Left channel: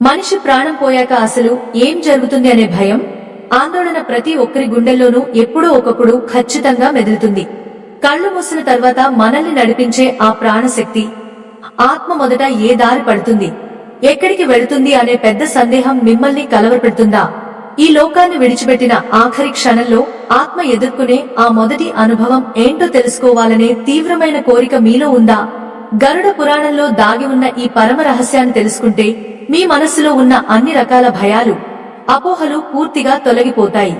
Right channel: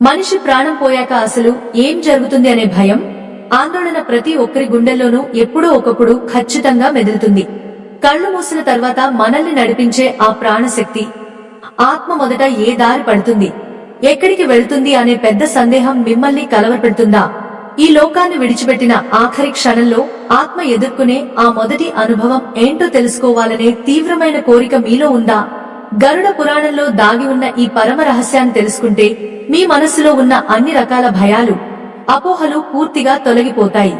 మనిషి ప్రాణం పోయాక అసలు ఏం జరుగుతుంది అనే భయం, ఆందోళన ప్రతి ఒక్కరి గుండెల్లోనూ ఎప్పుడో ఒకప్పుడు ఖచ్చితంగా మెదులుతుంది. కళ్ళు మూసిన తర్వాత మనల్ని నడిపించే ఆ ప్రాణశక్తి, ఆత్మ మొదట ఏ దారి పడుతుంది, ఎక్కడికి వెళుతుంది అనే పెద్ద సందేహం మిమ్మల్ని కలవరపెడుతుందా? ఈ లోకాన్ని విడిచిపెట్టిన ఆఖరి క్షణంలో ఆత్మ ఎదుర్కొనే ఆ మొదటి అనుభవం ఏంటో తెలుసుకోవాలనే తీవ్రమైన కోరిక మీలో ఉందా? గరుడ పురాణంలో దాగి ఉన్న ఈ పరమ రహస్యాన్ని తెలుసుకుంటే మీ మనస్సులో ఉన్న అన్ని రకాల భయాలు, అపోహలు పూర్తిగా తొలగిపోతాయి.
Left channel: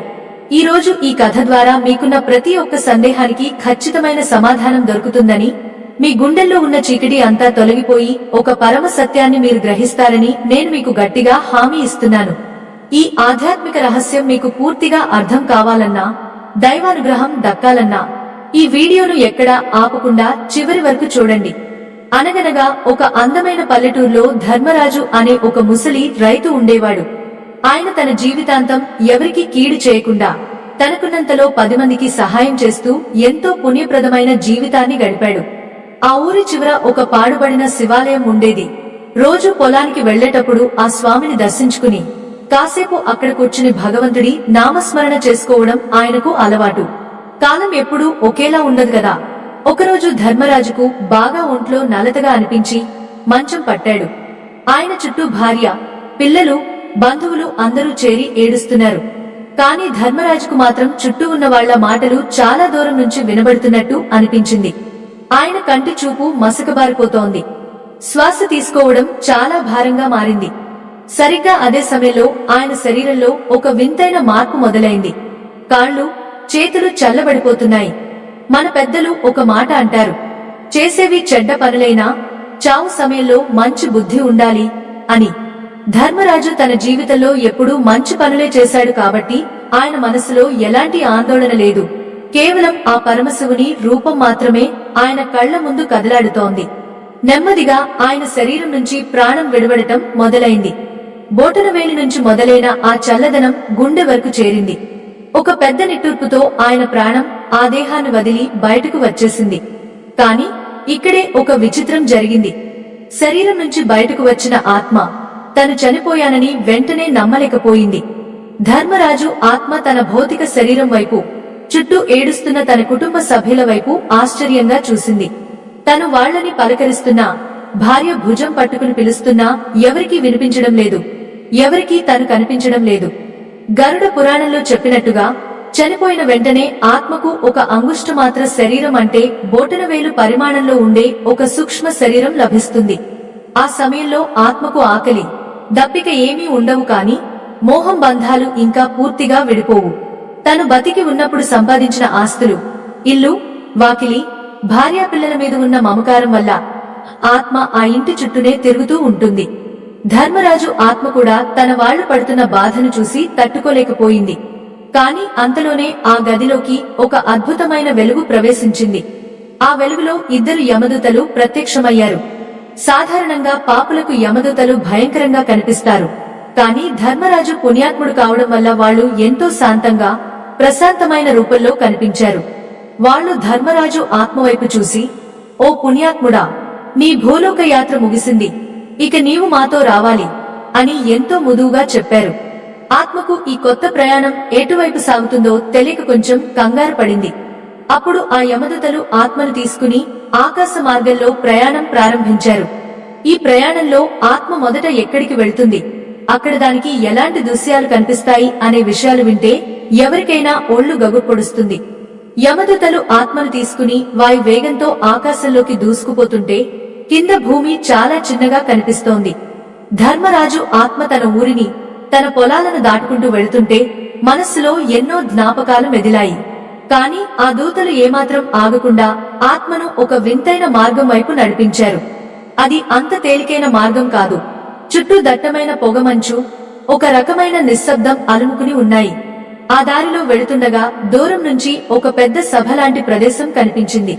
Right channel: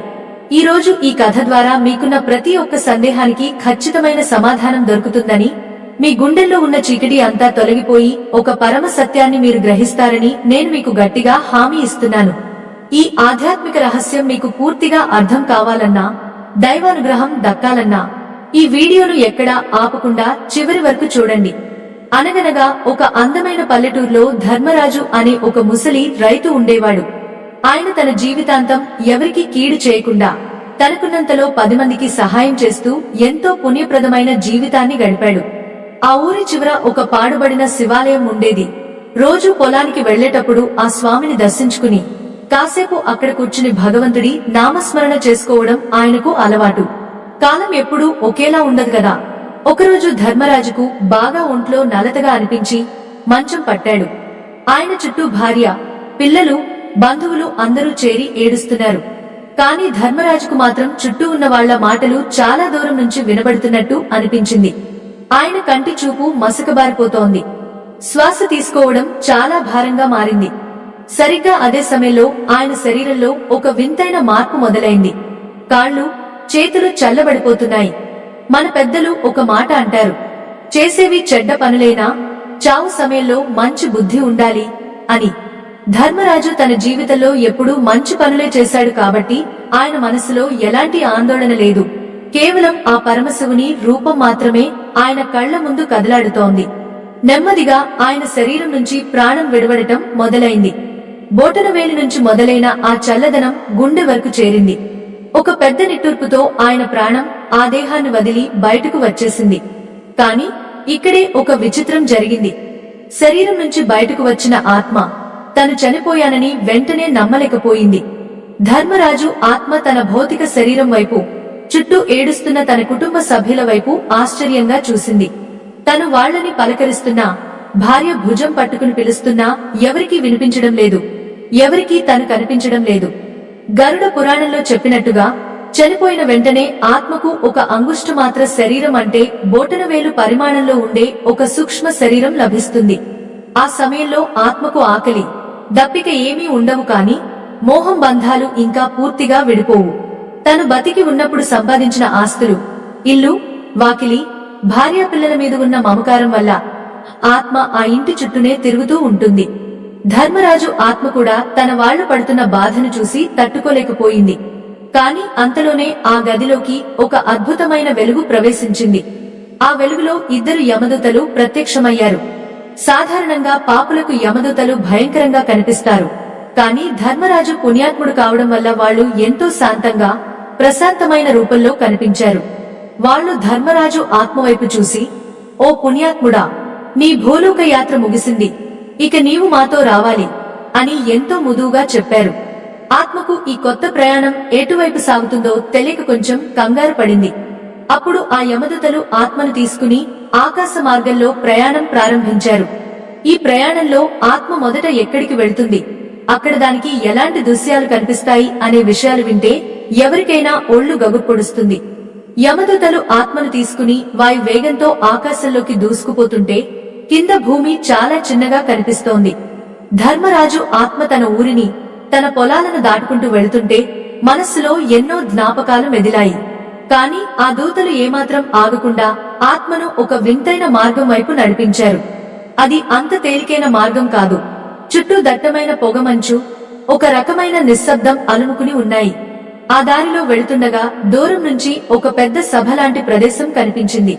ఈ రోజు ఈ కథ ద్వారా మీకున్న ప్రతి ఒక్క సందేహానికి ఖచ్చితమైన సమాధానం దొరుకుతుందని, మీ గుండెల్లో ఉన్న చీకటి అంతా తొలగిపోయి ఒక పరమ సత్యాన్ని మీరు గ్రహిస్తారని నేను మీకు గట్టిగా హామీ ఇస్తున్నాను. ఈ ఆధ్యాత్మిక రహస్యం మీకు పూర్తిగా అర్థం కావాలన్నా, దైవానుగ్రహం దక్కాలన్నా ఈ వీడియోను ఎక్కడా ఆపకుండా చివరి వరకు చూడండి. అనగనగా ఒక అందమైన పల్లెటూరులో ధర్మరాజు అనే ఒక ముసలి రైతు ఉండేవాడు. ఆయన తన జీవితాంతం ఎవరికీ కీడు చేయకుండా తనకున్నంతలో 10 మందికి సహాయం చేస్తూ ఎంతో పుణ్యప్రదమైన జీవితాన్ని గడిపాడు. ఆ ఊరి చివర ఒక పాడుబడిన శివాలయం ఉండేది. రోజు పొలానికి వెళ్లేటప్పుడు ఆ స్వామిని దర్శించుకుని కాసేపు అక్కడ కూర్చుని భగవంతుడి నామస్మరణ చేసుకోవడం ఆయనకు అలవాటు. కాలం ఎప్పుడూ ఒకేలా ఉండదు కదా. ఒకరోజు ధర్మరాజుకు బాగా ఒంట్లో నలతగా అనిపించి మంచం పట్టాడు. ఆయన చుట్టూ భార్య, పిల్లలు, బంధువులు అందరూ చేరి ఏడుస్తున్నారు. కాని ధర్మరాజుకు మాత్రం చుట్టూ ఉన్న వాళ్ల మాటలు చాలా దూరం నుంచి వినబడుతున్నట్టు అనిపించింది. ఆయన కంటి చూపు మసకబారిపోతోంది. శ్వాస తీసుకోవడం చాలా భారంగా మారింది. సరిగ్గా అదే సమయంలో ఆయన శరీరంలో ఒక వింతైన మార్పు మొదలైంది. కాళ్ళు, చేతులు చల్లబడిపోతున్నాయి. మన పెద్దలు ఒక మాట అంటారు, చేసేవి చెడ్డ పనులైనా చావు సమయంలో మంచి బుద్ధి ఉండాలి అని. ధర్మరాజు తన జీవితంలో ఎప్పుడూ మంచి పనులే చేశాడు కాబట్టి ఆయన మనసులో ఎలాంటి ఆందోళన లేదు. కేవలం ఆ పరమశివుని రూపం మాత్రమే ఆయన కళ్ల ముందు కదలాడుతోంది. నెమ్మదిగా ఆయన శరీరం నుంచి ప్రాణం విడవడటం మొదలైంది. బోటనవేలి నుంచి మొదలైన ఆ చల్లదనం గుండె వరకు చేరింది. ఒక పెద్ద నిట్టూర్పుతో ఆయన ప్రాణం ఆ దేహాన్ని వదిలి బయటకు వచ్చేసింది. కాని ఇక్కడే ఒక విచిత్రం జరిగింది. శరీరం నుంచి బయటకు వచ్చిన ఆత్మ తను చనిపోయానని వెంటనే నమ్మలేకపోయింది. ధర్మరాజు ఆత్మ తన భౌతిక శరీరం వైపు, చుట్టూ ఏడుస్తున్న తన కుటుంబ సభ్యుల వైపు ఆశ్చర్యంగా చూసింది. తను వాళ్లని పలకరిస్తున్నా, భార్య భుజం పట్టుకుని పిలుస్తున్నా ఎవరికీ వినిపించడం లేదు. ఎవరికీ తను కనిపించడం లేదు. గరుడ పురాణంలో చెప్పినట్టుగా చనిపోయిన వెంటనే ఆత్మకు ఒక అంగుష్టమాత్ర శరీరం అంటే బోటనవేలు పరిమాణంలో ఉండే ఒక సూక్ష్మ శరీరం లభిస్తుంది. ఆ సమయంలో ఆత్మకు ఆకలి, దప్పిక ఏమీ ఉండవు. కాని మోహం బంధాలు ఇంకా పూర్తిగా విడిపోవు. తను బతికి ఉన్నప్పుడు సంపాదించిన ఆస్తులు, ఇల్లు, వాకిలి, భార్యాపిల్లల మీద ఉన్న మమకారం వల్ల ఆత్మ ఆ ఇంటి చుట్టూనే తిరుగుతూ ఉంటుంది. ధర్మరాజు ఆత్మ కూడా తన వాళ్లు పడుతున్న బాధను చూసి తట్టుకోలేకపోయింది. కాని అంతలోనే ఆ గదిలోకి ఒక అద్భుతమైన వెలుగు ప్రవేశించింది. ఆ వెలుగులో 2 యమదూతలు ప్రత్యక్షమయ్యారు. సాధారణంగా పాపులకు యమదూతలు భయంకరంగా కనిపిస్తారు. కాని ధర్మరాజు పుణ్యాత్ముడు కావడం వల్ల వాళ్లు ఎంతో శాంతంగా, ప్రశాంతమైన రూపంలో కనిపించారు. వాళ్లు ధర్మరాజు ఆత్మవైపు చూసి, ఓ పుణ్యాత్ముడా, నీ భూలోక యాత్ర ముగిసింది, ఇక నీవు మాతో రావాలి అని ఎంతో మృదువుగా చెప్పారు. ఆత్మకు ఈ కొత్త ప్రయాణం ఎటువైపు సాగుతుందో తెలియక కొంచెం కంగారు పడింది. అప్పుడు ఆ యమదూతలు ఆత్మను తీసుకుని ఆకాశ మార్గంలో ప్రయాణం ప్రారంభించారు. ఈ ప్రయాణంలో ఆత్మ మొదట ఎక్కడికి వెళుతుంది, అక్కడ దానికి ఎలాంటి దృశ్యాలు కనిపిస్తాయి అనే విషయాలు వింటే ఎవరికైనా ఒళ్లు గగుర్పొడుస్తుంది. యమదూతలు ఆత్మను తీసుకుని వాయు వేగంతో ఆకాశంలోకి దూసుకుపోతుంటే కింద భూమి చాలా చిన్నగా కనిపిస్తోంది. ధర్మరాజు ఆత్మ తన ఊరిని, తన పొలాలను దాటుకుంటూ వెళుతుంటే మనస్సులో ఎన్నో జ్ఞాపకాలు మెదిలాయి. కాని ఆ దూతలు ఏమాత్రం ఆగకుండా ఆత్మను ఒక వింతైన మార్గం వైపు నడిపించారు. అది అంత తేలికైన మార్గం కాదు. చుట్టూ దట్టమైన పొగమంచు, ఒక రకమైన నిశ్శబ్దం అలుముకుని ఉన్నాయి. ఆ దారిలో వెళుతుండగా దూరం నుంచి ఒక పెద్ద సభ లాంటి ప్రదేశం కనిపించింది.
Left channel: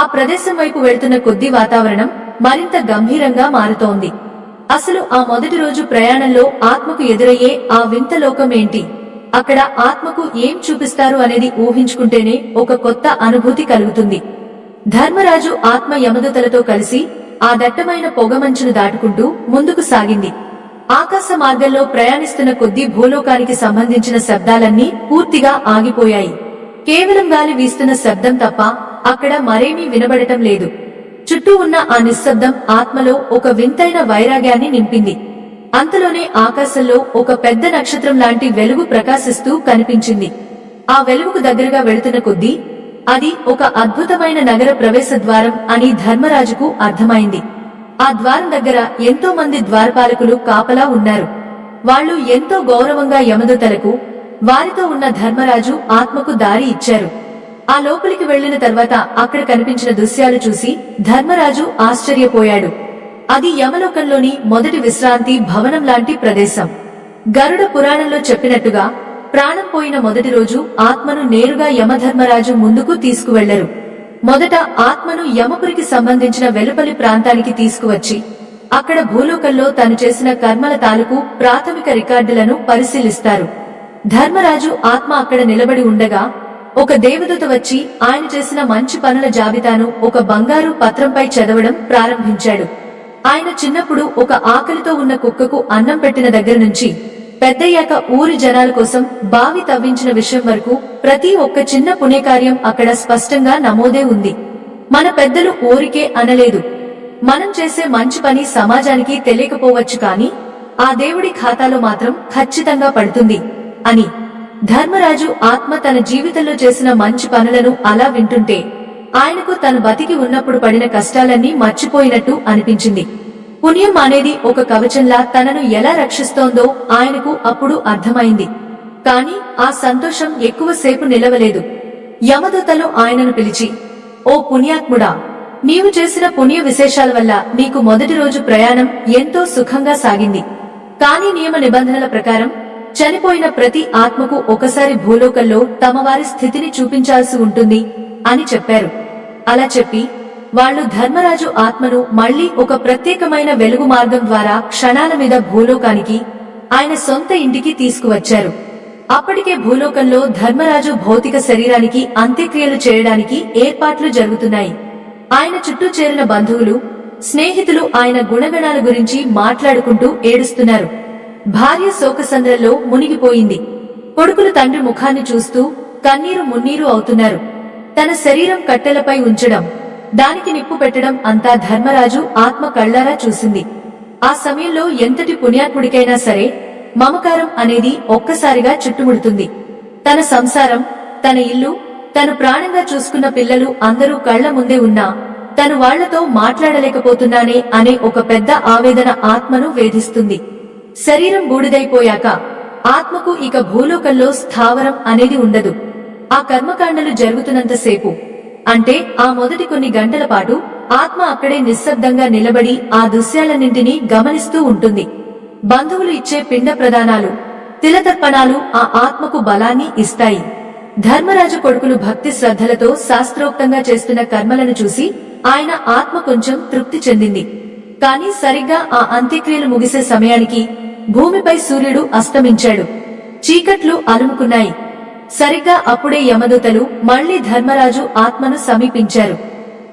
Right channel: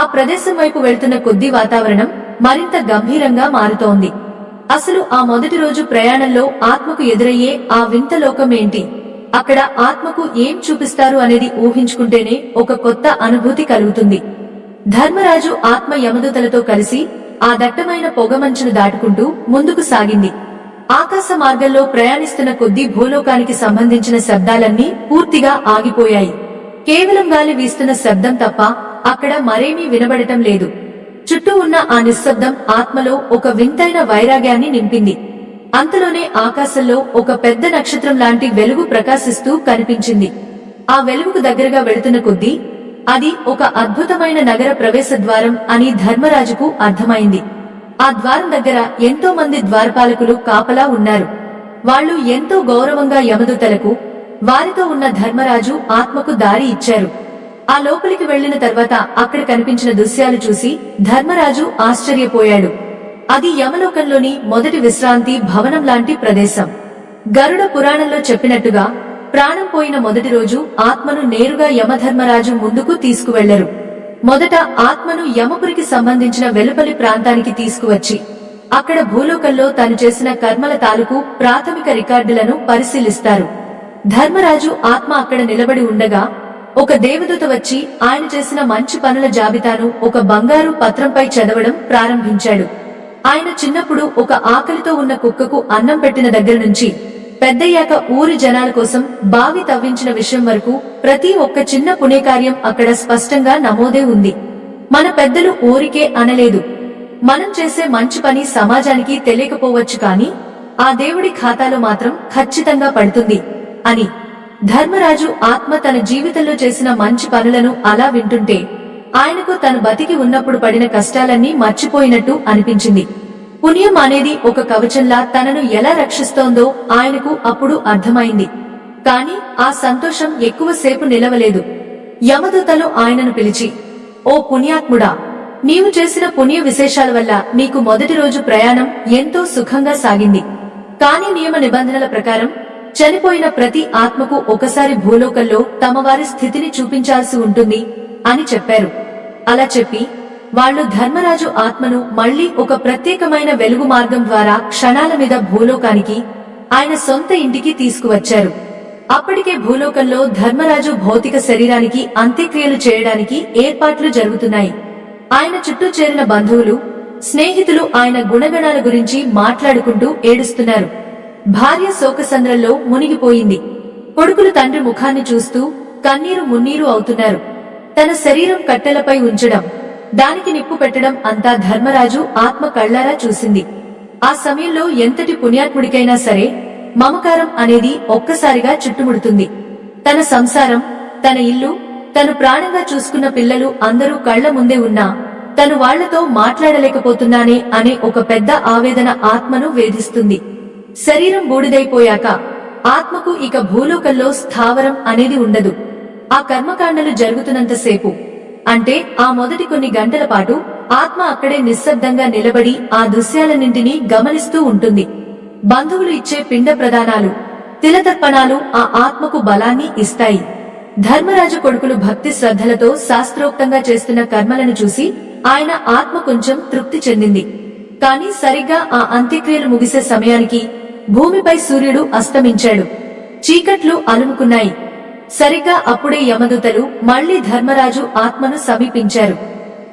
ఆ ప్రదేశం వైపు వెళుతున్న కొద్దీ వాతావరణం మరింత గంభీరంగా మారుతోంది. అసలు ఆ మొదటి రోజు ప్రయాణంలో ఆత్మకు ఎదురయ్యే ఆ వింత లోకం ఏంటి, అక్కడ ఆత్మకు ఏం చూపిస్తారు అనేది ఊహించుకుంటేనే ఒక కొత్త అనుభూతి కలుగుతుంది. ధర్మరాజు ఆత్మ యమదూతలతో కలిసి ఆ దట్టమైన పొగమంచును దాటుకుంటూ ముందుకు సాగింది. ఆకాశ మార్గంలో ప్రయాణిస్తున్న కొద్దీ భూలోకానికి సంబంధించిన శబ్దాలన్నీ పూర్తిగా ఆగిపోయాయి. కేవలం గాలి వీస్తున్న శబ్దం తప్ప అక్కడ మరేమీ వినబడటం లేదు. చుట్టూ ఉన్న ఆ నిశ్శబ్దం ఆత్మలో ఒక వింతైన వైరాగ్యాన్ని నింపింది. అంతలోనే ఆకాశంలో ఒక పెద్ద నక్షత్రం లాంటి వెలుగు ప్రకాశిస్తూ కనిపించింది. ఆ వెలుగుకు దగ్గరగా వెడుతున్న కొద్దీ అది ఒక అద్భుతమైన నగర ప్రవేశ ద్వారం అని ధర్మరాజుకు అర్థమైంది. ఆ ద్వారం దగ్గర ఎంతో మంది ద్వారపాలకులు కాపలా ఉన్నారు. వాళ్లు ఎంతో గౌరవంగా యమదూతలకు, వారితో ఉన్న ధర్మరాజు ఆత్మకు దారి ఇచ్చారు. ఆ లోపలికి వెళ్లిన తర్వాత అక్కడ కనిపించిన దృశ్యాలు చూసి ధర్మరాజు ఆశ్చర్యపోయాడు. అది యమలోకంలోని మొదటి విశ్రాంతి భవనం లాంటి ప్రదేశం. గరుడ పురాణంలో చెప్పినట్టుగా ప్రాణం పోయిన మొదటి రోజు ఆత్మను నేరుగా యమధర్మరాజు ముందుకు తీసుకువెళ్లరు. మొదట ఆత్మను యమపురికి సంబంధించిన వెలుపలి ప్రాంతానికి తీసుకువచ్చి అక్కడ భూలోకంలో తను చేసిన కర్మల తాలూకు ప్రాథమిక రికార్డులను పరిశీలిస్తారు. ధర్మరాజు ఆత్మ అక్కడ నిలబడి ఉండగా ఒక దేవదూత వచ్చి ఆయన చేసిన మంచి పనుల జాబితాను ఒక బంగారు పత్రంపై చదవడం ప్రారంభించాడు. ఆయన చిన్నప్పుడు ఒక ఆకలితో ఉన్న కుక్కకు అన్నం పెట్టిన దగ్గర నుంచి పెద్దయ్యాక ఊరి జనాల కోసం బావి తవ్వించిన విషయం వరకు ప్రతి ఒక్క చిన్న పుణ్యకార్యం అక్కడ స్పష్టంగా నమోదే ఉంది. మన పెద్దలు ఊరికే అనలేదు, మనం చేసే మంచి పని సమాజానికి తెలియకపోవచ్చు కాని ఆ దేవుడి ఖాతాలో మాత్రం ఖచ్చితంగా పడుతుంది అని. ధర్మరాజు ఆత్మ తన జీవితంలో చేసిన మంచి పనులను అలా వింటుంటే ఆయనకు తను బతికి ఉన్నప్పుడు పడిన కష్టాలన్నీ మర్చిపోయినట్టు అనిపించింది. పుణ్యం అనేది ఒక కవచంలా తనను ఎలా రక్షిస్తోందో ఆయనకు అప్పుడు అర్థమైంది. కాని ఆ సంతోషం ఎక్కువసేపు నిలవలేదు. యమదూతలు ఆయనను పిలిచి, ఓ పుణ్యాత్ముడా, నీవు చేసిన పుణ్య విశేషాల వల్ల నీకు మొదటి రోజు ప్రయాణం ఎంతో సుఖంగా సాగింది. కాని నియమ నిబంధనల ప్రకారం చనిపోయిన ప్రతి ఆత్మకు ఒకసారి భూలోకంలో తమవారి స్థితిని చూపించాల్సి ఉంటుంది అని చెప్పారు. అలా చెప్పి వాళ్లు ధర్మరాజు ఆత్మను మళ్లీ ఒక ప్రత్యేకమైన వెలుగు మార్గం ద్వారా క్షణాల మీద భూలోకానికి, ఆయన సొంత ఇంటికి తీసుకువచ్చారు. అప్పటికే భూలోకంలో ధర్మరాజు భౌతిక శరీరానికి అంత్యక్రియలు చేయడానికి ఏర్పాట్లు జరుగుతున్నాయి. ఆయన చుట్టూ చేరిన బంధువులు, స్నేహితులు ఆయన గుణగణాల గురించి మాట్లాడుకుంటూ ఏడుస్తున్నారు. భార్య శోకసంద్రంలో మునిగిపోయింది. కొడుకులు తండ్రి ముఖాన్ని చూస్తూ కన్నీరు మున్నీరు అవుతున్నారు. తన శరీరం కట్టెలపై ఉంచడం, దానికి నిప్పు పెట్టడం అంతా ధర్మరాజు ఆత్మ కళ్లారా చూసింది. ఆ సమయంలో ఎంతటి పుణ్యాత్ముడికైనా సరే మమకారం అనేది ఒక్కసారిగా చుట్టుముడుతుంది. తన సంసారం, తన ఇల్లు, తను ప్రాణంగా చూసుకున్న పిల్లలు అందరూ కళ్ల ముందే ఉన్నా తను వాళ్లతో మాట్లాడలేకపోతున్నానే అనే ఒక పెద్ద ఆవేదన ఆత్మను వేధిస్తుంది. శరీరం బూడిదైపోయాక ఆత్మకు ఇక భూలోకంలో స్థావరం అనేది ఉండదు. ఆ కర్మకాండలు జరుగుతున్నంతసేపు, అంటే ఆ మొదటి కొన్ని గంటల పాటు ఆత్మ అక్కడే నిశ్శబ్దంగా నిలబడి ఆ దృశ్యాలన్నింటినీ గమనిస్తూ ఉంటుంది. బంధువులు ఇచ్చే పిండ ప్రదానాలు, తిలతర్పణాలు ఆ ఆత్మకు బలాన్ని ఇస్తాయి. ధర్మరాజు కొడుకులు భక్తి శ్రద్ధలతో శాస్త్రోక్తంగా చేస్తున్న కర్మలను చూసి ఆయన ఆత్మ కొంచెం తృప్తి చెందింది. కాని సరిగ్గా ఆ అంత్యక్రియలు ముగిసే సమయానికి భూమిపై సూర్యుడు అస్తమించాడు. చీకట్లు అలుముకున్నాయి. సరిగ్గా అప్పుడే యమదూతలు మళ్లీ ధర్మరాజు ఆత్మను సమీపించారు.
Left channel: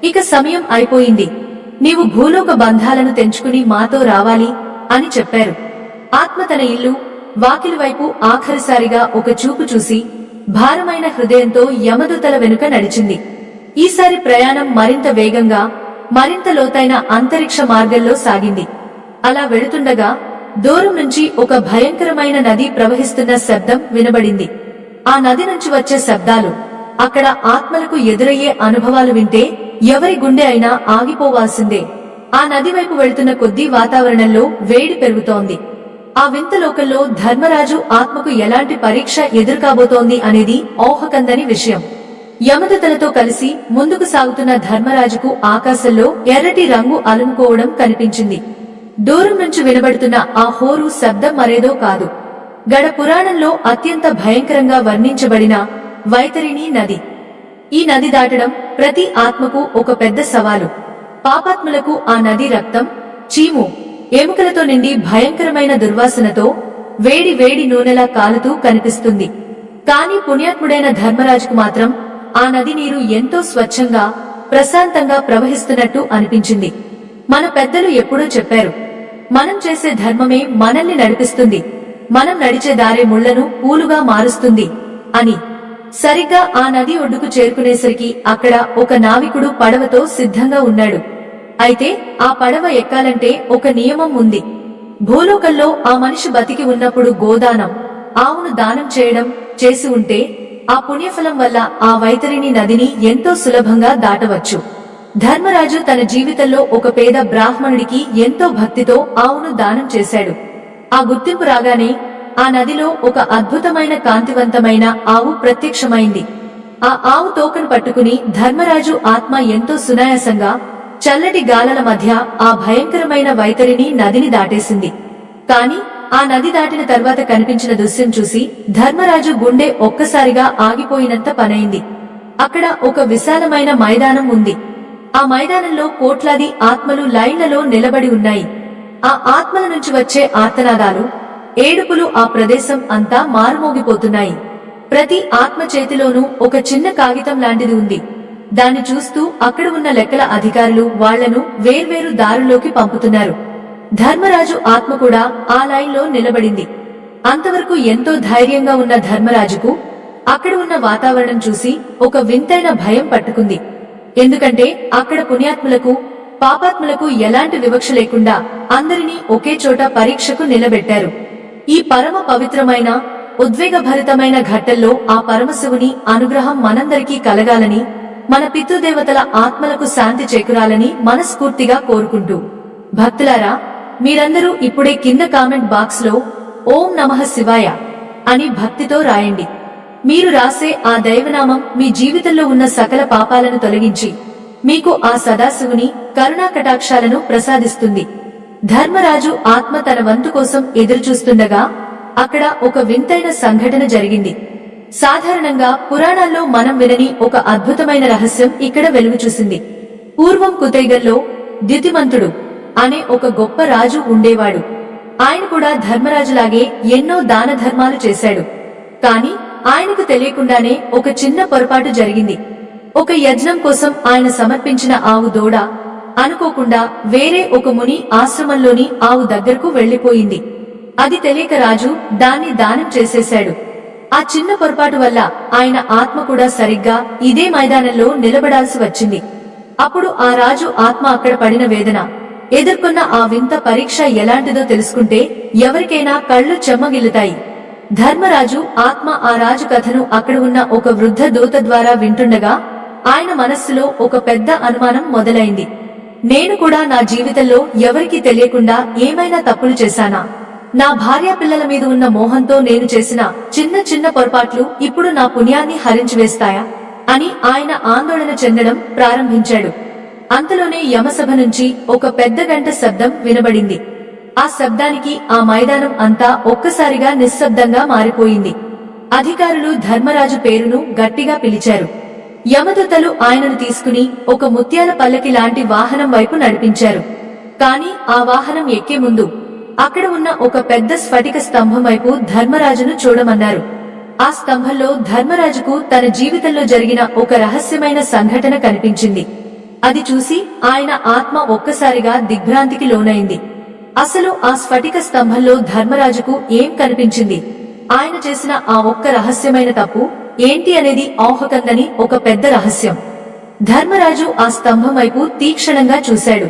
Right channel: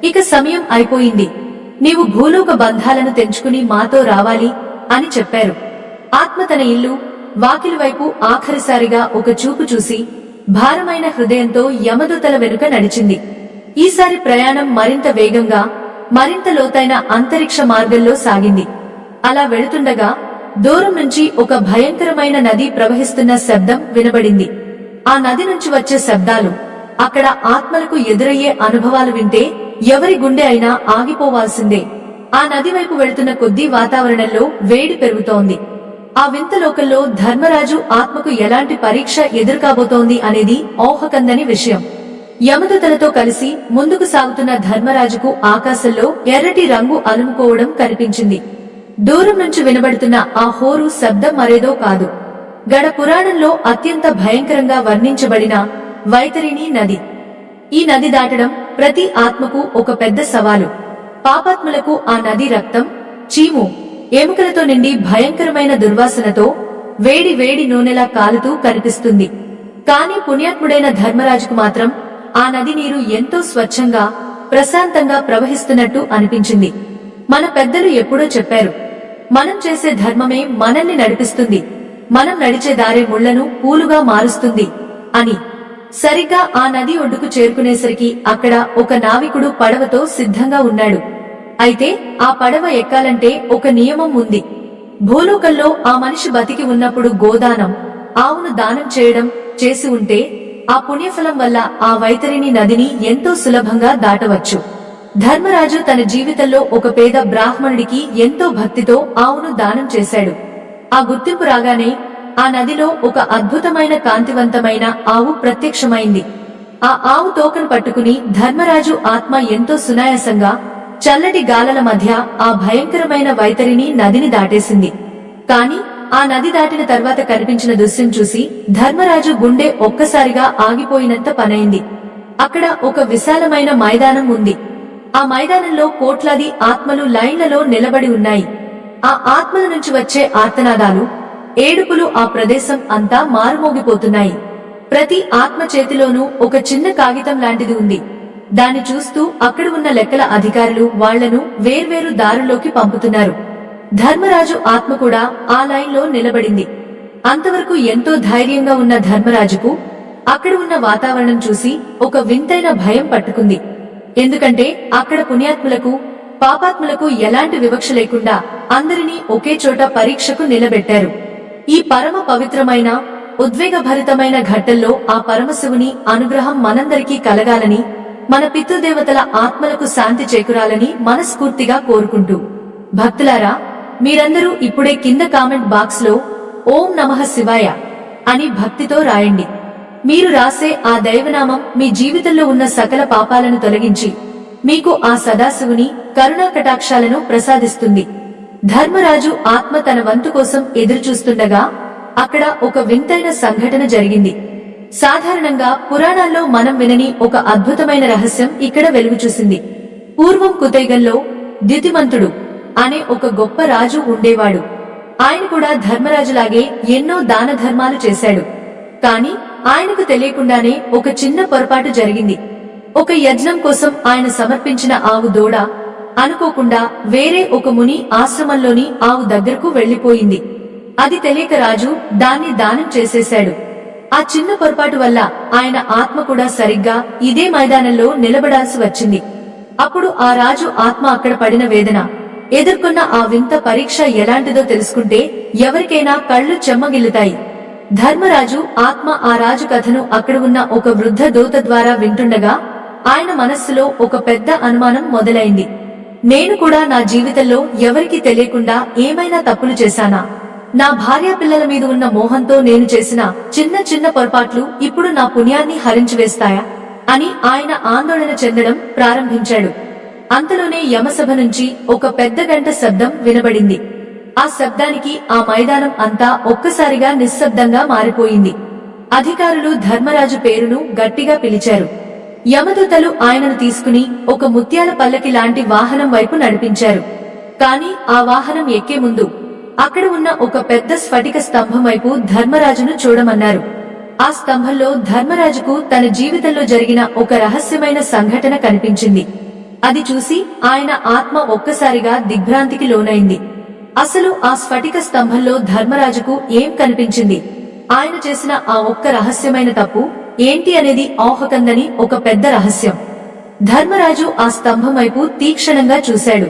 ఇక సమయం అయిపోయింది, నీవు భూలోక బంధాలను తెంచుకుని మాతో రావాలి అని చెప్పారు. ఆత్మ తన ఇల్లు, వాకిలి వైపు ఆఖరిసారిగా ఒక చూపు చూసి భారమైన హృదయంతో యమదూతల వెనుక నడిచింది. ఈసారి ప్రయాణం మరింత వేగంగా, మరింత లోతైన అంతరిక్ష మార్గంలో సాగింది. అలా వెళుతుండగా దూరం నుంచి ఒక భయంకరమైన నది ప్రవహిస్తున్న శబ్దం వినబడింది. ఆ నది నుంచి వచ్చే శబ్దాలు, అక్కడ ఆత్మలకు ఎదురయ్యే అనుభవాలు వింటే ఎవరి గుండె అయినా ఆగిపోవాల్సిందే. ఆ నది వైపు వెళుతున్న కొద్దీ వాతావరణంలో వేడి పెరుగుతోంది. ఆ వింత లోకంలో ధర్మరాజు ఆత్మకు ఎలాంటి పరీక్ష ఎదురుకాబోతోంది అనేది ఊహకందని విషయం. యమదూతలతో కలిసి ముందుకు సాగుతున్న ధర్మరాజుకు ఆకాశంలో ఎర్రటి రంగు అలుముకోవడం కనిపించింది. దూరం నుంచి వినబడుతున్న ఆ హోరు శబ్దం మరేదో కాదు, గడ పురాణంలో అత్యంత భయంకరంగా వర్ణించబడిన వైతరిణి నది. ఈ నది దాటడం ప్రతి ఆత్మకు ఒక పెద్ద సవాలు. పాపాత్ములకు ఆ నది రక్తం, చీము, ఎముకలతో నిండి భయంకరమైన దుర్వాసనతో వేడి వేడి నూనెలా కాలుతూ కనిపిస్తుంది. కాని పుణ్యాత్ముడైన ధర్మరాజుకు మాత్రం ఆ నది నీరు ఎంతో స్వచ్ఛంగా, ప్రశాంతంగా ప్రవహిస్తున్నట్టు అనిపించింది. మన పెద్దలు ఎప్పుడో చెప్పారు, మనం చేసే ధర్మమే మనల్ని నడిపిస్తుంది, మనం నడిచే దారే ముళ్లను పూలుగా మారుస్తుంది అని. సరిగ్గా ఆ నది ఒడ్డుకు చేరుకునేసరికి అక్కడ ఒక నావికుడు పడవతో సిద్ధంగా ఉన్నాడు. అయితే ఆ పడవ ఎక్కాలంటే ఒక నియమం ఉంది. భూలోకంలో ఆ మనిషి బతికి ఉన్నప్పుడు గోదానం, ఆవును దానం చేయడం చేసి ఉంటే ఆ పుణ్యఫలం వల్ల ఆ వైతరిణి నదిని ఎంతో సులభంగా దాటవచ్చు. ధర్మరాజు తన జీవితంలో ఒక పేద బ్రాహ్మణుడికి ఎంతో భక్తితో ఆవును దానం చేశాడు. ఆ గుర్తింపు రాగానే ఆ నదిలో ఒక అద్భుతమైన కాంతివంతమైన ఆవు ప్రత్యక్షమైంది. ఆ ఆవు తోకను పట్టుకుని ధర్మరాజు ఆత్మ ఎంతో సునాయాసంగా చల్లటి గాలల మధ్య ఆ భయంకరమైన వైతరిని నదిని దాటేసింది. కాని ఆ నది దాటిన తర్వాత కనిపించిన దృశ్యం చూసి ధర్మరాజు గుండె ఒక్కసారిగా ఆగిపోయినంత పనైంది. అక్కడ ఒక విశాలమైన మైదానం ఉంది. ఆ మైదానంలో కోట్లాది ఆత్మలు లైన్లలో నిలబడి ఉన్నాయి. ఆ ఆత్మల నుంచి వచ్చే ఆర్తనాదాలు, ఏడుపులు ఆ ప్రదేశం అంతా మారుమోగిపోతున్నాయి. ప్రతి ఆత్మ చేతిలోనూ ఒక చిన్న కాగితం లాంటిది ఉంది. దాన్ని చూస్తూ అక్కడ ఉన్న లెక్కల అధికారులు వాళ్లను వేర్వేరు దారుల్లోకి పంపుతున్నారు. ధర్మరాజు ఆత్మ కూడా ఆ లైన్లో నిలబడింది. అంతవరకు ఎంతో ధైర్యంగా ఉన్న ధర్మరాజుకు అక్కడ ఉన్న వాతావరణం చూసి ఒక వింతైన భయం పట్టుకుంది. ఎందుకంటే అక్కడ పుణ్యాత్ములకు పాపాత్ములకు ఎలాంటి వివక్ష లేకుండా అందరినీ ఒకే చోట పరీక్షకు నిలబెట్టారు. ఈ పరమ పవిత్రమైన ఉద్వేగభరితమైన ఘట్టంలో ఆ పరమశివుని అనుగ్రహం మనందరికీ కలగాలని, మన పితృదేవతల ఆత్మలకు శాంతి చేకూరాలని మనస్ఫూర్తిగా కోరుకుంటూ, భక్తులారా, మీరందరూ ఇప్పుడే కింద కామెంట్ బాక్స్ లో ఓం నమః శివాయ అని భక్తితో రాయండి. మీరు రాసే ఆ దైవనామం మీ జీవితంలో ఉన్న సకల పాపాలను తొలగించి మీకు ఆ సదాశివుని కరుణా కటాక్షాలను ప్రసాదిస్తుంది. ధర్మరాజు ఆత్మ తన వంతు కోసం ఎదురుచూస్తుండగా అక్కడ ఒక వింతైన సంఘటన జరిగింది. సాధారణంగా పురాణాల్లో మనం వినని ఒక అద్భుతమైన రహస్యం ఇక్కడ వెలుగుచూసింది. పూర్వం కుతైగల్లో ద్యుతిమంతుడు అనే ఒక గొప్ప రాజు ఉండేవాడు. ఆయన కూడా ధర్మరాజులాగే ఎన్నో దాన ధర్మాలు చేశాడు. కాని ఆయనకు తెలియకుండానే ఒక చిన్న పొరపాటు జరిగింది. ఒక యజ్ఞం కోసం ఆయన సమర్పించిన ఆవు దూడ అనుకోకుండా వేరే ఒక ముని ఆశ్రమంలోని ఆవు దగ్గరకు వెళ్లిపోయింది. అది తెలియక రాజు దాన్ని దానం చేసేశాడు. ఆ చిన్న పొరపాటు వల్ల ఆయన ఆత్మ కూడా సరిగ్గా ఇదే మైదానంలో నిలబడాల్సి వచ్చింది. అప్పుడు ఆ రాజు ఆత్మ అక్కడ పడిన వేదన, ఎదుర్కొన్న ఆ వింత పరీక్ష ఎలాంటిదో తెలుసుకుంటే ఎవరికైనా కళ్ళు చెమ్మగిల్లుతాయి. ధర్మరాజు ఆత్మ ఆ రాజు కథను అక్కడ ఉన్న ఒక వృద్ధ దూత ద్వారా వింటుండగా ఆయన మనస్సులో ఒక పెద్ద అనుమానం మొదలైంది. నేను కూడా నా జీవితంలో ఎవరికీ తెలియకుండా ఏమైనా తప్పులు చేశానా? నా భార్య పిల్లల మీద ఉన్న మోహంతో నేను చేసిన చిన్న చిన్న పొరపాట్లు ఇప్పుడు నా పుణ్యాన్ని హరించివేస్తాయా అని ఆయన ఆందోళన చెందడం ప్రారంభించాడు. అంతలోనే యమసభ నుంచి ఒక పెద్ద గంట శబ్దం వినబడింది. ఆ శబ్దానికి ఆ మైదానం అంతా ఒక్కసారిగా నిశ్శబ్దంగా మారిపోయింది. అధికారులు ధర్మరాజు పేరును గట్టిగా పిలిచారు. యమదూతలు ఆయనను తీసుకుని ఒక ముత్యాల పల్లకి లాంటి వాహనం వైపు నడిపించారు. కాని ఆ వాహనం ఎక్కే ముందు అక్కడ ఉన్న ఒక పెద్ద స్ఫటిక స్తంభం వైపు ధర్మరాజును చూడమన్నారు. ఆ స్తంభంలో ధర్మరాజుకు తన జీవితంలో జరిగిన ఒక రహస్యమైన సంఘటన కనిపించింది. అది చూసి ఆయన ఆత్మ ఒక్కసారిగా దిగ్భ్రాంతికి లోనైంది. అసలు ఆ స్ఫటిక స్తంభంలో ధర్మరాజుకు ఏం కనిపించింది, ఆయన చేసిన ఆ ఒక్క రహస్యమైన తప్పు ఏంటి అనేది ఊహకందని ఒక పెద్ద రహస్యం. ధర్మరాజు ఆ స్తంభం వైపు తీక్షణంగా చూశాడు.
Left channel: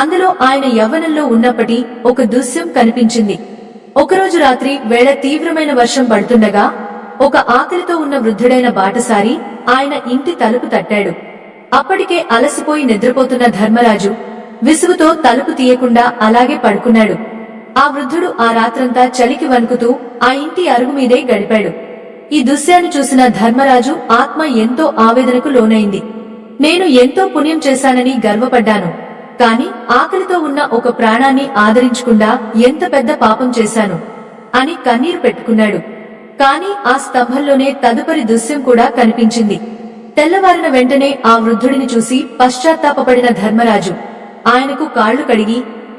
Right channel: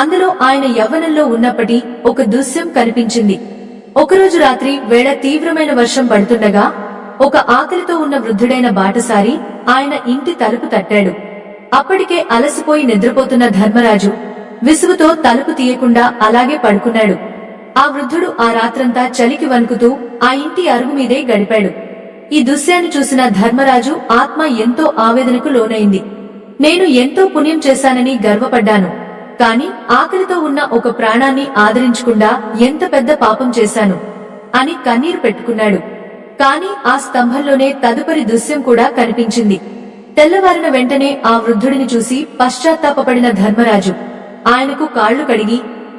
అందులో ఆయన యవ్వనంలో ఉన్నప్పటి ఒక దృశ్యం కనిపించింది. ఒకరోజు రాత్రి వేళ తీవ్రమైన వర్షం పడుతుండగా ఒక ఆకలితో ఉన్న వృద్ధుడైన బాటసారి ఆయన ఇంటి తలుపు తట్టాడు. అప్పటికే అలసిపోయి నిద్రపోతున్న ధర్మరాజు విసుగుతో తలుపు తీయకుండా అలాగే పడుకున్నాడు. ఆ వృద్ధుడు ఆ రాత్రంతా చలికి వణుకుతూ ఆ ఇంటి అరుగు మీదే గడిపాడు. ఈ దృశ్యాన్ని చూసిన ధర్మరాజు ఆత్మ ఎంతో ఆవేదనకు లోనైంది. నేను ఎంతో పుణ్యం చేశానని గర్వపడ్డాను, కాని ఆకలితో ఉన్న ఒక ప్రాణాన్ని ఆదరించకుండా ఎంత పెద్ద పాపం చేశాను అని కన్నీరు పెట్టుకున్నాడు. కాని ఆ స్తంభంలోనే తదుపరి దృశ్యం కూడా కనిపించింది. తెల్లవారిన వెంటనే ఆ వృద్ధుడిని చూసి పశ్చాత్తాపపడిన ధర్మరాజు ఆయనకు కాళ్లు కడిగి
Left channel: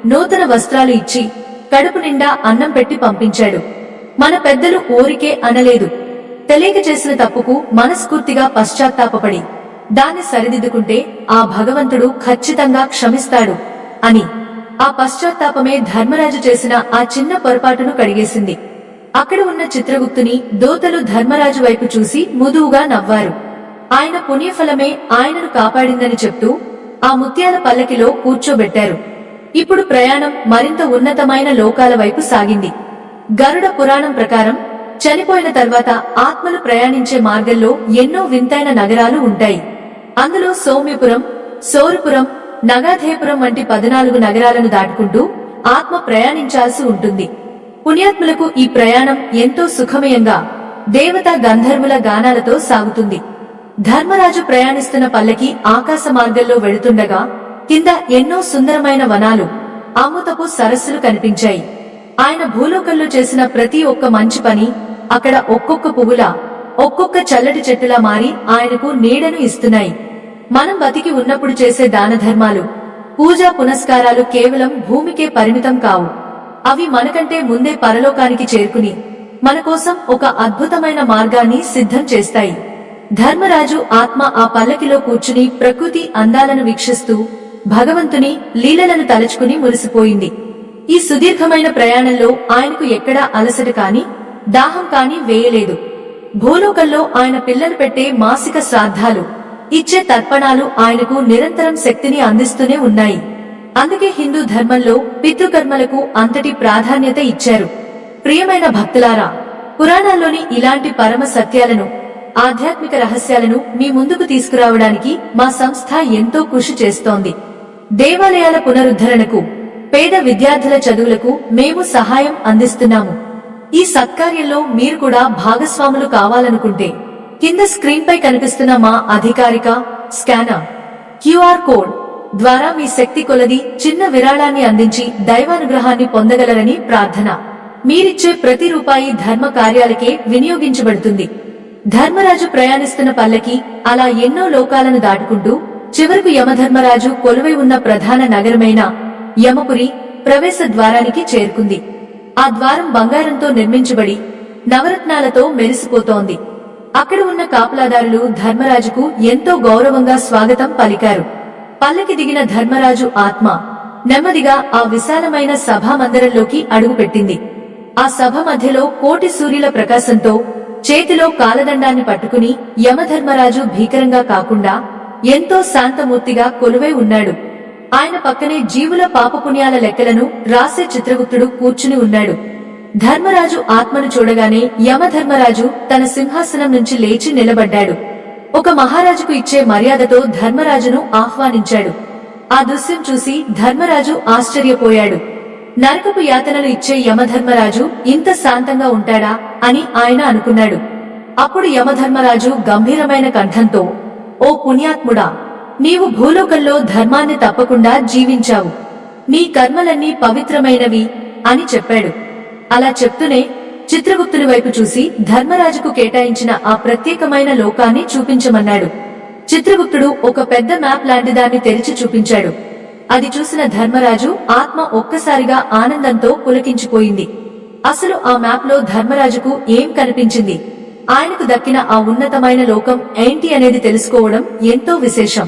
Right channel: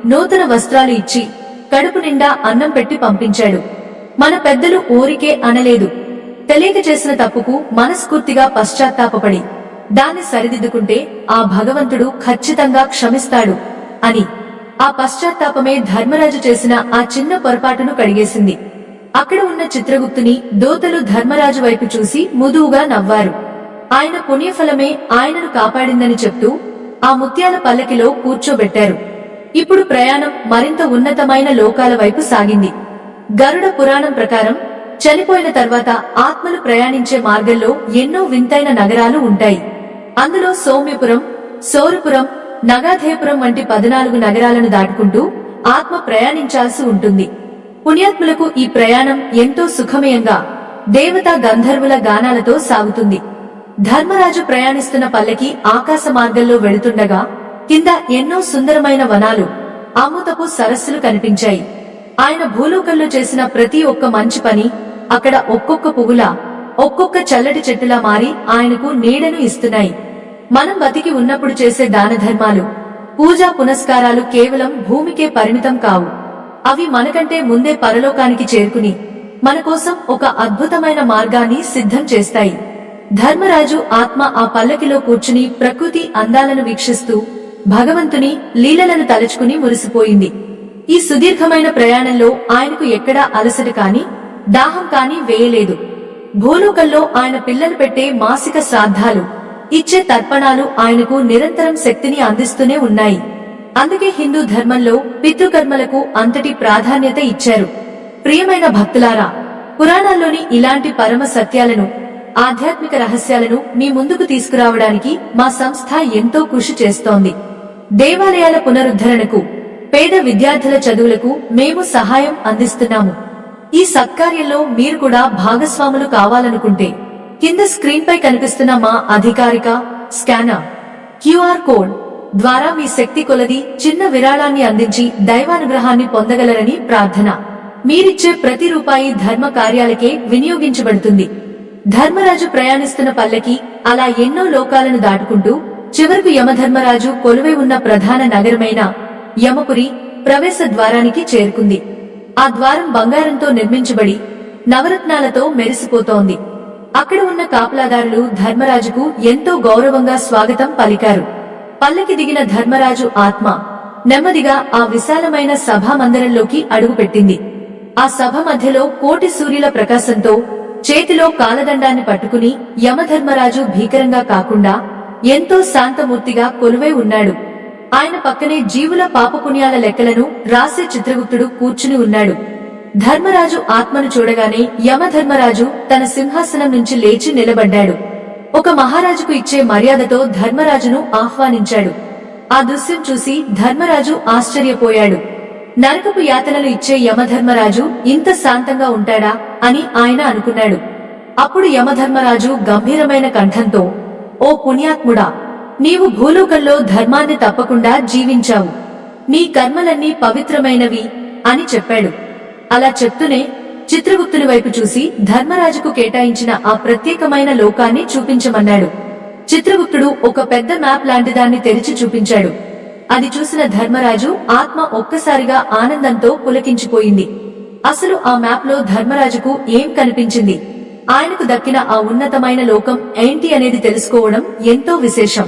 నూతన వస్త్రాలు ఇచ్చి కడుపు నిండా అన్నం పెట్టి పంపించాడు. మన పెద్దలు ఊరికే అనలేదు, తెలియక చేసిన తప్పుకు మనస్ఫూర్తిగా పశ్చాత్తాపపడి దాన్ని సరిదిద్దుకుంటే ఆ భగవంతుడు ఖచ్చితంగా క్షమిస్తాడు అని. ఆ పశ్చాత్తాపమే ధర్మరాజు చేసిన ఆ చిన్న పొరపాటును కడిగేసింది. అక్కడ ఉన్న చిత్రగుప్తుని దోతలు ధర్మరాజు వైపు చూసి ముదువుగా నవ్వారు. ఆయన పుణ్యఫలమే ఆయనను కాపాడిందని చెప్తూ ఆ ముత్యాల పల్లకిలో కూర్చోబెట్టారు. ఇప్పుడు ప్రయాణం మరింత ఉన్నతమైన లోకాల వైపు సాగింది. గరుడ పురాణం ప్రకారం చనిపోయిన తర్వాత ఆత్మలు ప్రయాణించే మార్గంలో ఎన్నో వింతైన నగరాలు ఉంటాయి. అందులో సౌమ్యపురం, సౌరపురం, నగాధేయపురం వంటి 14 నగరాలను దాటుకుంటూ ఆత్మ ప్రయాణించాల్సి ఉంటుంది. పుణ్యాత్ములకు ఈ ప్రయాణం ఎంతో సుఖమయంగా దేవతా గంధర్వుల గానాలతో సాగుతుంది. ధర్మరాజు ప్రయాణిస్తున్న పల్లకి ఆకాశ మార్గంలో వెళుతుండగా కింద ఎన్నో సుందరమైన వనాలు, అమృతపు సరస్సులు కనిపించాయి. ఆయన భూలోకంలో చేసిన ప్రతి ఒక్క మంచి పని అక్కడ ఒక్కొక్క పువ్వులా, ఒక్కొక్క చల్లటి చెట్టులా మారి ఆయనకు నీడను ఇస్తున్నాయి. మనం బతికి ఉన్నప్పుడు చేసే దానధర్మాలు, పూజా పునస్కారాలు కేవలం భూమికే పరిమితం కావు. అవి మనకంటే ముందే పరలోకానికి చేరుకుని మన కోసం ఒక అద్భుతమైన మార్గాన్ని సిద్ధం చేస్తాయి. ధర్మరాజు ఆత్మ ఆ పల్లకిలో కూర్చుని ప్రకృతి అందాలను వీక్షిస్తూ భగవంతుని లీలలను తలచుకుని మురిసిపోయింది. ఈ సుదీర్ఘమైన ప్రయాణంలో ఆయనకు ఎక్కడా అలసట కాని, దాహం కాని వేయలేదు. భూలోకంలో ఆయన పిల్లలు పెట్టే మాసిక శ్రాద్ధాలు, ఇచ్చే తర్పణాలు ఆయనకు నిరంతరం శక్తిని అందిస్తూనే ఉన్నాయి. అందుకే హిందూ ధర్మంలో పితృకర్మలకు అంతటి ప్రాధాన్యత ఇచ్చారు. ప్రియమైన భక్తులారా, పురాణాల్లోని ఇలాంటి పరమ సత్యాలను, ఆధ్యాత్మిక రహస్యాలను మీ ముందుకు తీసుకురావడానికి మా సంస్థ ఎంతో కృషి చేస్తోంది. దేవాలయాల పునరుద్ధరణకు, పేద విద్యార్థుల చదువులకు మేము సహాయం అందిస్తున్నాము. ఈ సత్కార్యంలో మీరు కూడా భాగస్వాములు కావాలనుకుంటే కింద స్క్రీన్ పై కనిపిస్తున్న మా అధికారిక స్కానర్, క్యూఆర్ కోడ్ ద్వారా మీ శక్తి కొలది చిన్న విరాళాన్ని అందించి దైవానుగ్రహాన్ని పొందగలరని ప్రార్థన. మీరిచ్చే ప్రతి రూపాయి ధర్మ కార్యాలకే వినియోగించబడుతుంది. ధర్మరాజు ప్రయాణిస్తున్న పల్లకి అలా ఎన్నో లోకాలను దాటుకుంటూ చివరకు యమధర్మరాజు కొలువై ఉన్న ప్రధాన నగరమైన యమపురి ప్రవేశ ద్వారానికి చేరుకుంది. ఆ ద్వారం బంగారంతో నిర్మించబడి నవరత్నాలతో మెరిసిపోతోంది. అక్కడ ఉన్న కాపలాదారులు ధర్మరాజుకు ఎంతో గౌరవంగా స్వాగతం పలికారు. పల్లకి దిగిన ధర్మరాజు ఆత్మ నెమ్మదిగా ఆ విశాలమైన సభామందిరంలోకి అడుగుపెట్టింది. ఆ సభ మధ్యలో కోటి సూర్యుల ప్రకాశంతో చేతిలో కాలదండాన్ని పట్టుకుని యమధర్మరాజు భీకరంగా కాకుండా ఎంతో శాంతమూర్తిగా కొలువై ఉన్నాడు. ఆయన పక్కనే జీవుల పాపపుణ్యాల లెక్కలను రాసే చిత్రగుప్తుడు కూర్చుని ఉన్నాడు. ధర్మరాజు ఆత్మను చూడగానే యమధర్మరాజు తన సింహాసనం నుంచి లేచి నిలబడ్డాడు. ఒక మహారాజుకు ఇచ్చే మర్యాదతో ధర్మరాజును ఆహ్వానించాడు. ఆ దృశ్యం చూసి ధర్మరాజు ఆశ్చర్యపోయాడు. నరకపు యాతనలు ఇచ్చే యమధర్మరాజు ఇంత శాంతంగా ఉంటాడా అని ఆయన అనుకున్నాడు. అప్పుడు యమధర్మరాజు గంభీరమైన కంఠంతో, ఓ పుణ్యాత్ముడా, నీవు భూలోకంలో ధర్మాన్ని తప్పకుండా జీవించావు. నీ కర్మలన్నీ పవిత్రమైనవి అని చెప్పాడు. అలా చెప్తూనే చిత్రగుప్తుని వైపు చూసి ధర్మరాజుకు కేటాయించిన ఆ ప్రత్యేకమైన లోకాన్ని చూపించమన్నాడు. చిత్రగుప్తుడు ఒక పెద్ద మ్యాప్ లాంటిదాన్ని తెరిచి చూపించాడు. అది చూసిన ధర్మరాజు ఆత్మ ఒక్కసారిగా ఆనందంతో పులకించిపోయింది. అసలు ఆ మ్యాప్ లో ధర్మరాజుకు ఏం కనిపించింది, ఆయనకు దక్కిన ఆ ఉన్నతమైన లోకం ఏంటి అనేది తెలుసుకోవడం ఎంతో విశేషం.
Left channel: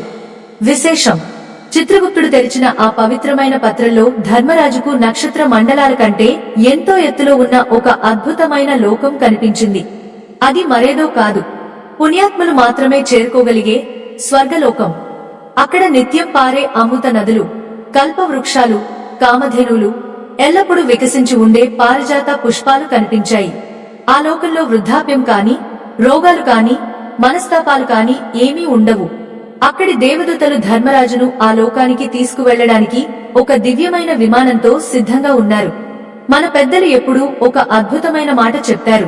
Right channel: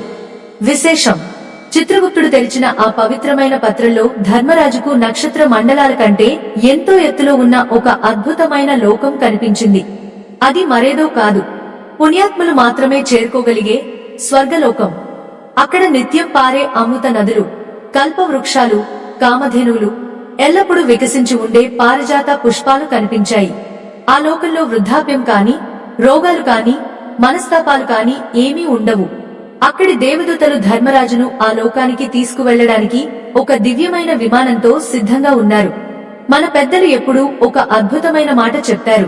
చిత్రగుప్తుడు తెరిచిన ఆ పవిత్రమైన పత్రంలో ధర్మరాజుకు నక్షత్ర మండలాల కంటే ఎంతో ఎత్తులో ఉన్న ఒక అద్భుతమైన లోకం కనిపించింది. అది మరేదో కాదు, పుణ్యాత్ములు మాత్రమే చేరుకోగలిగే స్వర్గలోకం. అక్కడ నిత్యం పారే అమృత నదులు, కల్పవృక్షాలు, కామధేనువులు, ఎల్లప్పుడూ వికసించి ఉండే పారిజాత పుష్పాలు కనిపించాయి. ఆ లోకంలో వృద్ధాప్యం కాని, రోగాలు కాని, మనస్తాపాలు కాని ఏమీ ఉండవు. అక్కడి దేవదూతలు ధర్మరాజును ఆ లోకానికి తీసుకువెళ్లడానికి ఒక దివ్యమైన విమానంతో సిద్ధంగా ఉన్నారు. మన పెద్దలు ఎప్పుడూ ఒక అద్భుతమైన మాట చెప్తారు,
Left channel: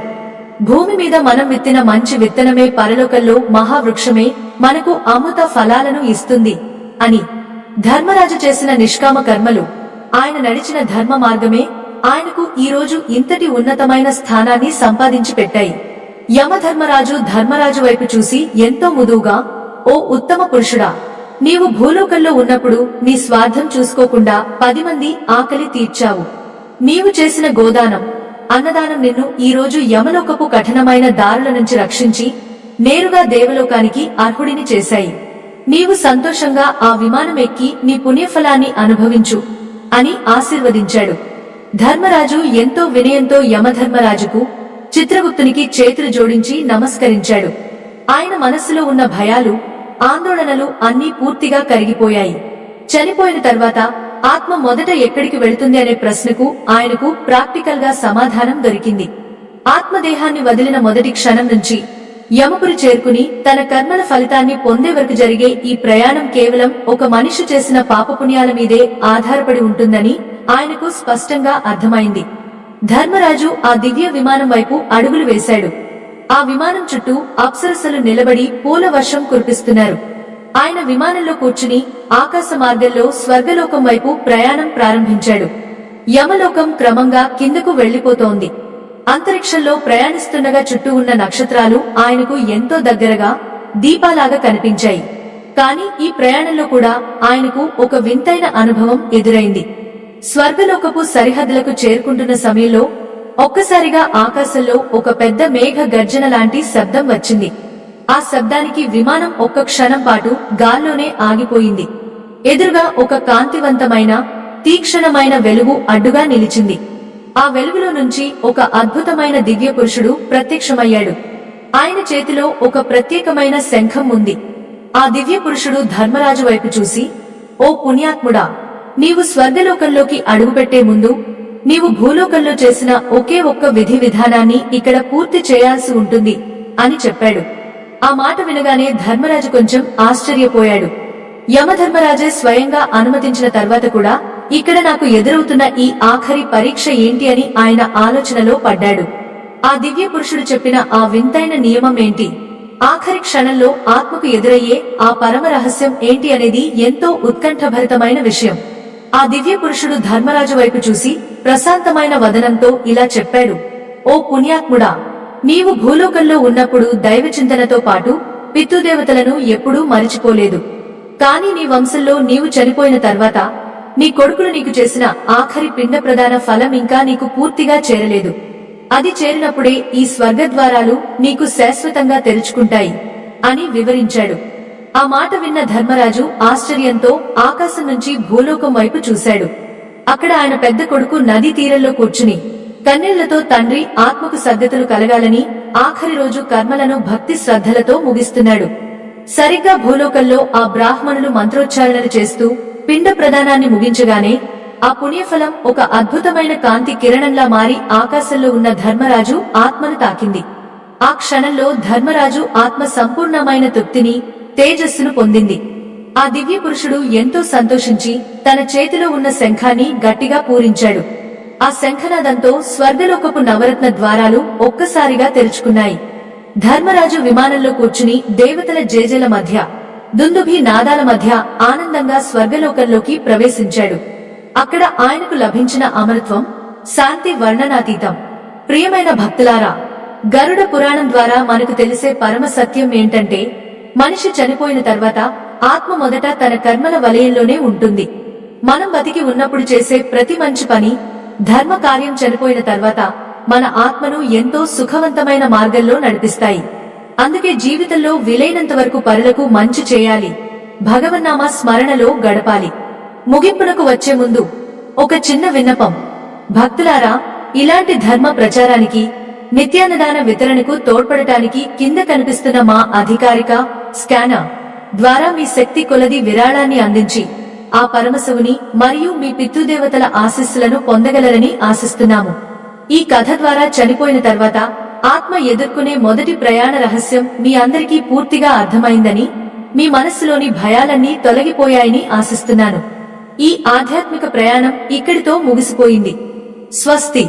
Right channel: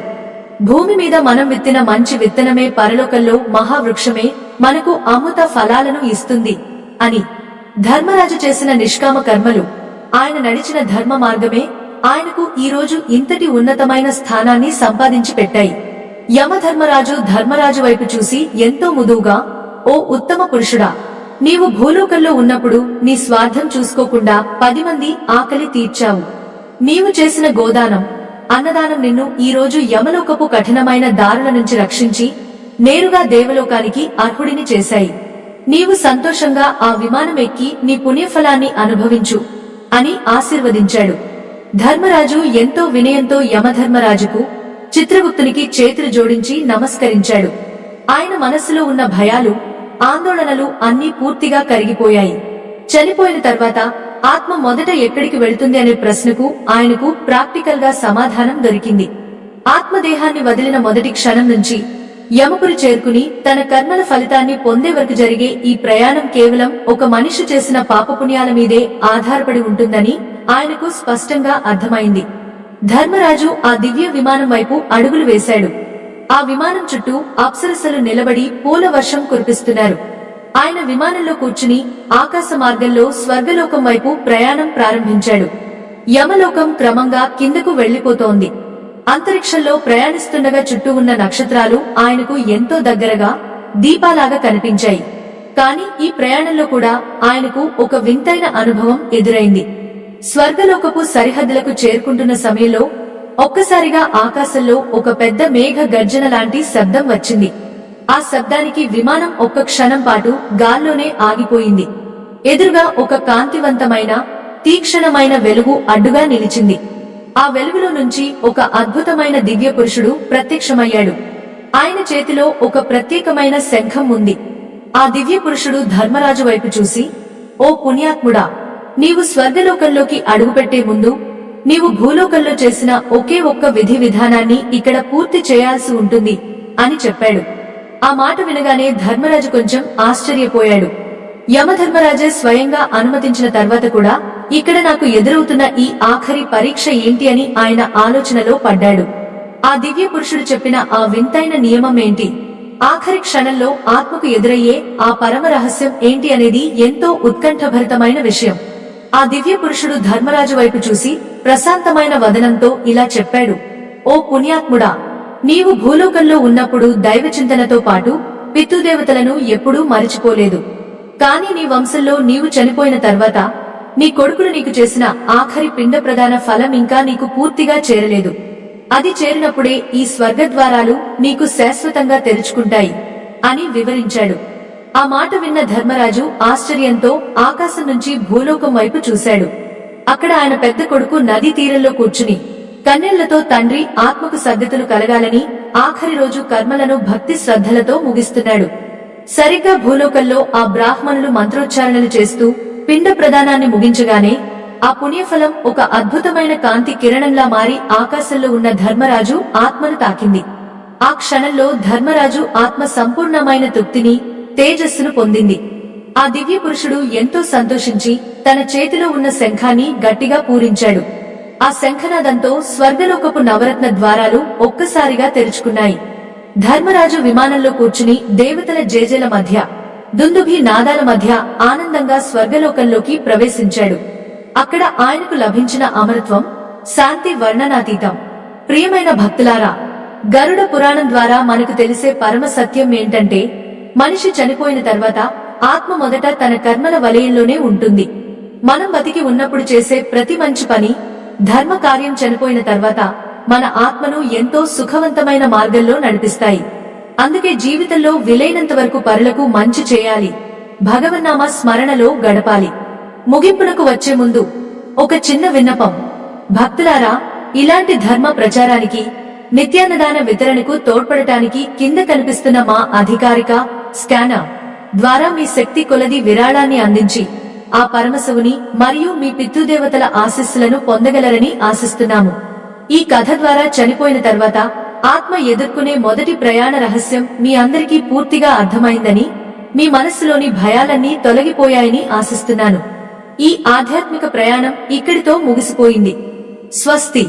భూమి మీద మనం విత్తిన మంచి విత్తనమే పరలోకంలో మహావృక్షమే మనకు అమృత ఫలాలను ఇస్తుంది అని. ధర్మరాజు చేసిన నిష్కామ కర్మలు, ఆయన నడిచిన ధర్మ మార్గమే ఆయనకు ఈరోజు ఇంతటి ఉన్నతమైన స్థానాన్ని సంపాదించి పెట్టాయి. యమధర్మరాజు ధర్మరాజు వైపు చూసి ఎంతో ముదువుగా, ఓ ఉత్తమ పురుషుడా, నీవు భూలోకంలో ఉన్నప్పుడు నీ స్వార్థం చూసుకోకుండా 10 మంది ఆకలి తీర్చావు. నీవు చేసిన గోదానం, అన్నదానం నిన్ను ఈరోజు యమలోకపు కఠినమైన దారుల నుంచి రక్షించి నేరుగా దేవలోకానికి అర్హుడిని చేశాయి. నీవు సంతోషంగా ఆ విమానం ఎక్కి నీ పుణ్యఫలాన్ని అనుభవించు. అని ఆశీర్వదించాడు. ధర్మరాజు ఎంతో వినయంతో యమధర్మరాజుకు, చిత్రగుప్తునికి చేతులు జోడించి నమస్కరించాడు. ఆయన మనస్సులో ఉన్న భయాలు, ఆందోళనలు అన్నీ పూర్తిగా కరిగిపోయాయి. చనిపోయిన తర్వాత ఆత్మ మొదట ఎక్కడికి వెళుతుంది అనే ప్రశ్నకు ఆయనకు ప్రాక్టికల్ గా సమాధానం దొరికింది. ఆత్మదేహాన్ని వదిలిన మొదటి క్షణం నుంచి యమపురి చేరుకుని తన కర్మల ఫలితాన్ని పొందే వరకు జరిగే ఈ ప్రయాణం కేవలం ఒక మనిషి చేసిన పాపపుణ్యాల మీదే ఆధారపడి ఉంటుందని ఆయనకు స్పష్టంగా అర్థమైంది. ధర్మరాజు ఆ దివ్య విమానం వైపు అడుగులు వేశాడు. ఆ విమానం చుట్టూ అప్సరసలు నిలబడి పూల వర్షం కురిపిస్తున్నారు. ఆయన విమానంలో కూర్చుని ఆకాశ మార్గంలో స్వర్గలోకం వైపు ప్రయాణం ప్రారంభించాడు. యమలోకం క్రమంగా కిందకు వెళ్లిపోతోంది. అంతరిక్షంలో ప్రయాణిస్తుండగా చుట్టూ ఉన్న నక్షత్రాలు ఆయనకు ఎంతో దగ్గరగా దీపాలాగా కనిపించాయి. కాని ఈ ప్రయాణంలో కూడా ఆయనకు ఒక వింతైన అనుభవం ఎదురైంది. స్వర్గలోకపు సరిహద్దులకు చేరుకుంటున్న సమయంలో ఒక్కసారిగా ఆకాశంలో ఒక పెద్ద మేఘ గర్జన లాంటి శబ్దం వచ్చింది. ఆ శబ్దానికి విమానం ఒక్క క్షణం పాటు గాల్లోనే ఆగిపోయింది. ఎదురుగా ఒక కాంతివంతమైన, తీక్షణమైన వెలుగు అడ్డుగా నిలిచింది. ఆ వెలుగులో నుంచి ఒక అద్భుతమైన దివ్య పురుషుడు ప్రత్యక్షమయ్యాడు. ఆయన చేతిలో ఒక ప్రత్యేకమైన శంఖం ఉంది. ఆ దివ్య పురుషుడు ధర్మరాజు వైపు చూసి, ఓ పుణ్యాత్ముడా, నీవు స్వర్గలోకంలోకి అడుగుపెట్టే ముందు నీవు భూలోకంలో చేసిన ఒకే ఒక్క విధి విధానాన్ని ఇక్కడ పూర్తి చేయాల్సి ఉంటుంది అని చెప్పాడు. ఆ మాట వినగానే ధర్మరాజు కొంచెం ఆశ్చర్యపోయాడు. యమధర్మరాజే స్వయంగా అనుమతించిన తర్వాత కూడా ఇక్కడ నాకు ఎదురవుతున్న ఈ ఆఖరి పరీక్ష ఏంటి అని ఆయన ఆలోచనలో పడ్డాడు. ఆ దివ్య పురుషుడు చెప్పిన ఆ వింతైన నియమం ఏంటి, ఆఖరి క్షణంలో ఆత్మకు ఎదురయ్యే ఆ పరమ రహస్యం ఏంటి అనేది ఎంతో ఉత్కంఠభరితమైన విషయం. ఆ దివ్య పురుషుడు ధర్మరాజు వైపు చూసి ప్రశాంతమైన వదనంతో ఇలా చెప్పాడు, ఓ పుణ్యాత్ముడా, నీవు భూలోకంలో ఉన్నప్పుడు దైవచింతనతో పాటు పితృదేవతలను ఎప్పుడూ మరిచిపోలేదు. కాని నీ వంశంలో నీవు చనిపోయిన తర్వాత నీ కొడుకులు నీకు చేసిన ఆఖరి పిండ ప్రదాన ఫలం ఇంకా నీకు పూర్తిగా చేరలేదు. అది చేరినప్పుడే ఈ స్వర్గద్వారాలు నీకు శాశ్వతంగా తెరుచుకుంటాయి అని వివరించాడు. ఆ మాట విన్న ధర్మరాజు ఆశ్చర్యంతో ఆకాశం నుంచి భూలోకం వైపు చూశాడు. అక్కడ ఆయన పెద్ద కొడుకు నదీ తీరంలో కూర్చుని కన్నీళ్లతో తండ్రి ఆత్మకు సద్గతులు కలగాలని ఆఖరి రోజు కర్మలను భక్తి శ్రద్ధలతో ముగిస్తున్నాడు. సరిగ్గా భూలోకంలో ఆ బ్రాహ్మణులు మంత్రోచ్చారణలు చేస్తూ పిండ ప్రదానాన్ని ముగించగానే ఆ పుణ్యఫలం ఒక అద్భుతమైన కాంతి కిరణంలా మారి ఆకాశంలో ఉన్న ధర్మరాజు ఆత్మను తాకింది. ఆ క్షణంలో ధర్మరాజు ఆత్మ సంపూర్ణమైన తృప్తిని, తేజస్సును పొందింది. ఆ దివ్య పురుషుడు ఎంతో సంతోషించి తన చేతిలో ఉన్న శంఖాన్ని గట్టిగా పూరించాడు. ఆ శంఖనాదంతో స్వర్గలోకపు నవరత్న ద్వారాలు ఒక్కసారిగా తెరుచుకున్నాయి. ధర్మరాజు విమానంలో కూర్చుని దేవతల జేజేల మధ్య, దుందుభి నాదాల మధ్య ఆనందంగా స్వర్గలోకంలోకి ప్రవేశించాడు. అక్కడ ఆయనకు లభించిన అమరత్వం, శాంతి వర్ణనాతీతం. ప్రియమైన భక్తులారా, గరుడ పురాణం ద్వారా మనకు తెలిసే పరమ సత్యం ఏంటంటే, మనిషి చనిపోయిన తర్వాత ఆత్మ మొదట తన కర్మల వలయంలోనే ఉంటుంది. మనం బతికి ఉన్నప్పుడు చేసే ప్రతి మంచి పని, ధర్మ కార్యం చనిపోయిన తర్వాత మన ఆత్మను ఎంతో సుఖవంతమైన మార్గంలో నడిపిస్తాయి. అందుకే జీవితంలో వీలైనంత వరకు పరులకు మంచి చేయాలి, భగవన్నామ స్మరణలో గడపాలి. ముగింపునకు వచ్చే ముందు ఒక చిన్న విన్నపం. భక్తులారా, ఇలాంటి ధర్మ ప్రచారానికి, నిత్యాన్నదాన వితరణకు తోడ్పడటానికి కింద కనిపిస్తున్న మా అధికారిక స్కానర్ ద్వారా మీ శక్తి కొలది విరాళాన్ని అందించి ఆ పరమశివుని మరియు మీ పితృదేవతల ఆశీస్సులను పొందగలరని ఆశిస్తున్నాము. ఈ కథ ద్వారా చనిపోయిన తర్వాత ఆత్మ ఎదుర్కొనే మొదటి ప్రయాణ రహస్యం మీ అందరికీ పూర్తిగా అర్థమైందని, మీ మనస్సులోని భయాలన్నీ తొలగిపోయాయని ఆశిస్తున్నాను. ఈ ఆధ్యాత్మిక ప్రయాణం ఇక్కడితో ముగిసిపోయింది. స్వస్తి.